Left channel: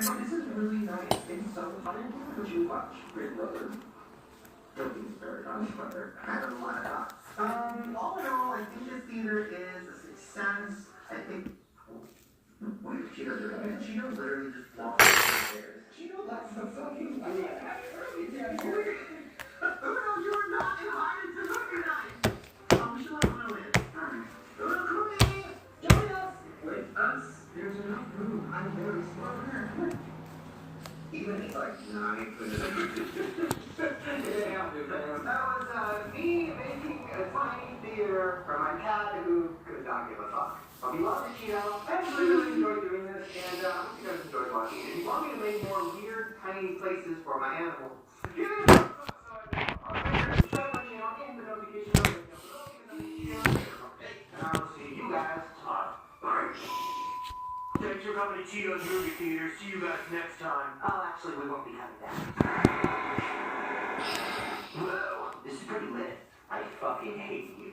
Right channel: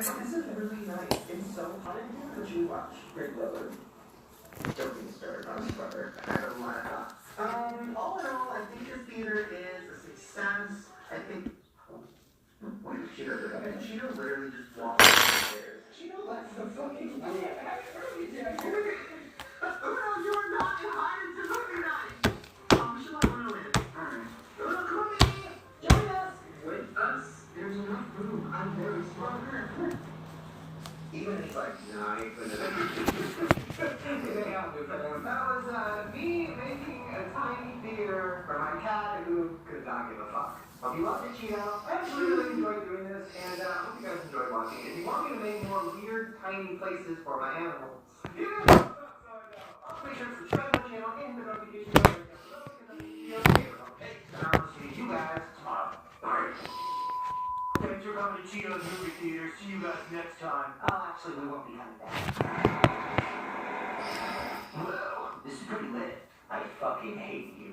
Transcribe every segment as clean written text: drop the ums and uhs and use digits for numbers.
This is really nice. It's so fun. Would you watch Great Brother? Don't be stirred on Twitter. I don't want to. All in all, I think this theater is a success. I think. What if Cheeto did it? Cheeto literally just walked downstairs. Cheeto likes the fucking. I mean, Uno, you are not invited to movie night. We should let Uno in. Uno, come in. Join us. With us, there's enough room. I'm very smart. Even if he's like, no, I ain't gonna make it. That was me making a tiny theater for my cat who could not give a fuck. But we love to cheat out. I actually really enjoyed doing this, and I hope you guys enjoyed watching it. If you want me to make more weird, tiny places for my animals, give me a thumbs up so I know. Subscribe to my channel and the notification bell. And I will see you guys tomorrow. Bye. Thanks for coming to Cheeto's Movie Theater. See you guys next time. Oh, actually, we won't be coming back. Whoa, this is pretty lit. I fucking hate you.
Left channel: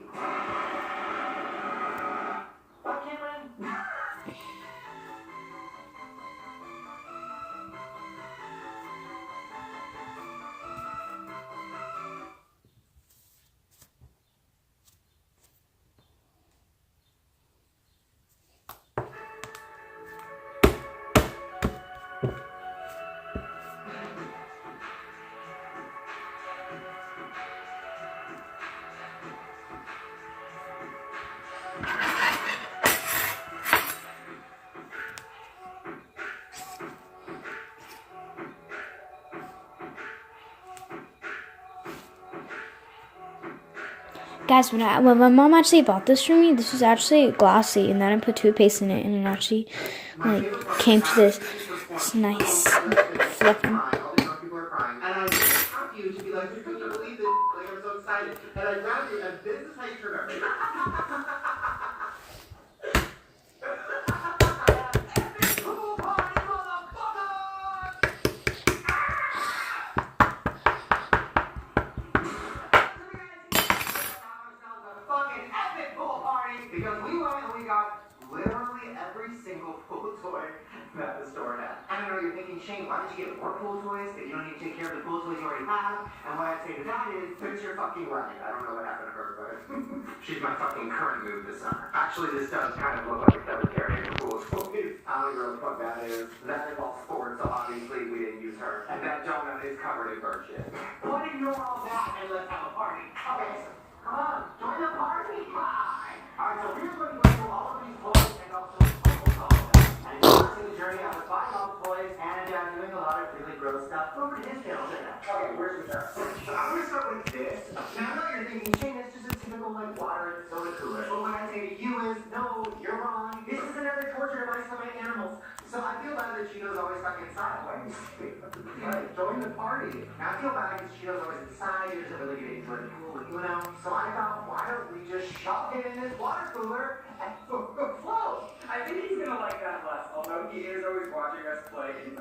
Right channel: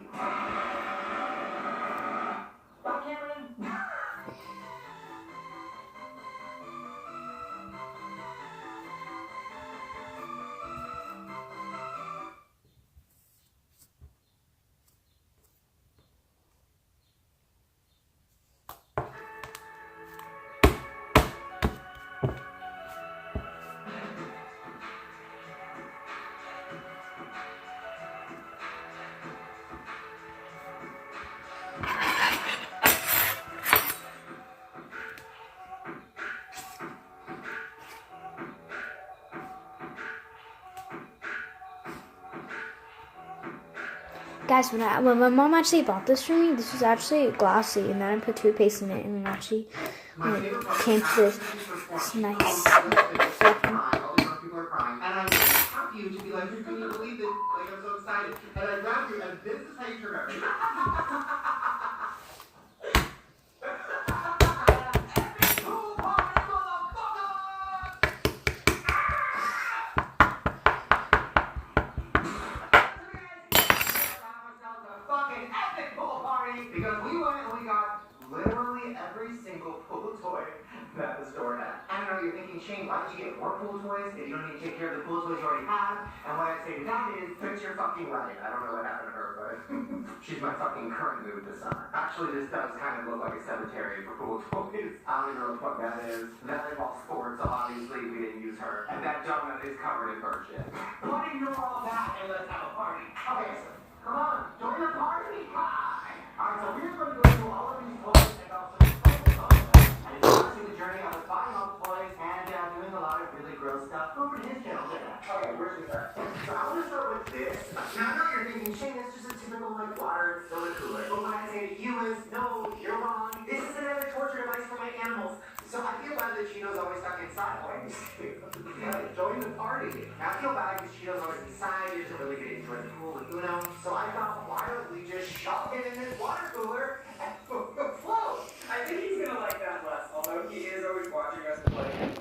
Bye, Cameron. Guys, when my mom actually bought this for me, this was actually glossy, and then I put toothpaste in it, and it actually came to this nice fluffy. And I have you to be like, you couldn't believe it. Like, I'm so excited. And I grabbed you, and this is how you turn everything. Because we went and we got literally every single pool toy that the store had. I don't know, you're thinking, Shane, why did you get more pool toys if you don't need to take care of the pool toys you already have? And what I'd say to that is, fix your fucking wedding. I don't know what happened to her, but she's my fucking current move this summer. Actually, this does kind of look like a cemetery for pool toys. I don't know what the fuck that is. That involves sports, so obviously we didn't use her. And that donut is covered in bird shit. But ignore all that and let's have a party. Okay, so come on, join the party. Bye. Alright, so we're going to go through all of these toys and also and if you're watching the journey, I was buying all the toys and doing a lot of really gross stuff. Over to his channel. Okay, where's we start? So I'm going to start with this. Now I know you're thinking, Shane, it's just a typical like water and soda cooler. But what I say to you is, no, you're wrong. This is another torture device for my animals. So I feel bad that Cheeto's always stuck inside. Join the party. Now I feel bad because Cheeto's always inside. He doesn't really get into the pool with Uno. So I thought, why don't we just shove it in this water cooler and float? I think he's gonna like that less, although he is always watching us play and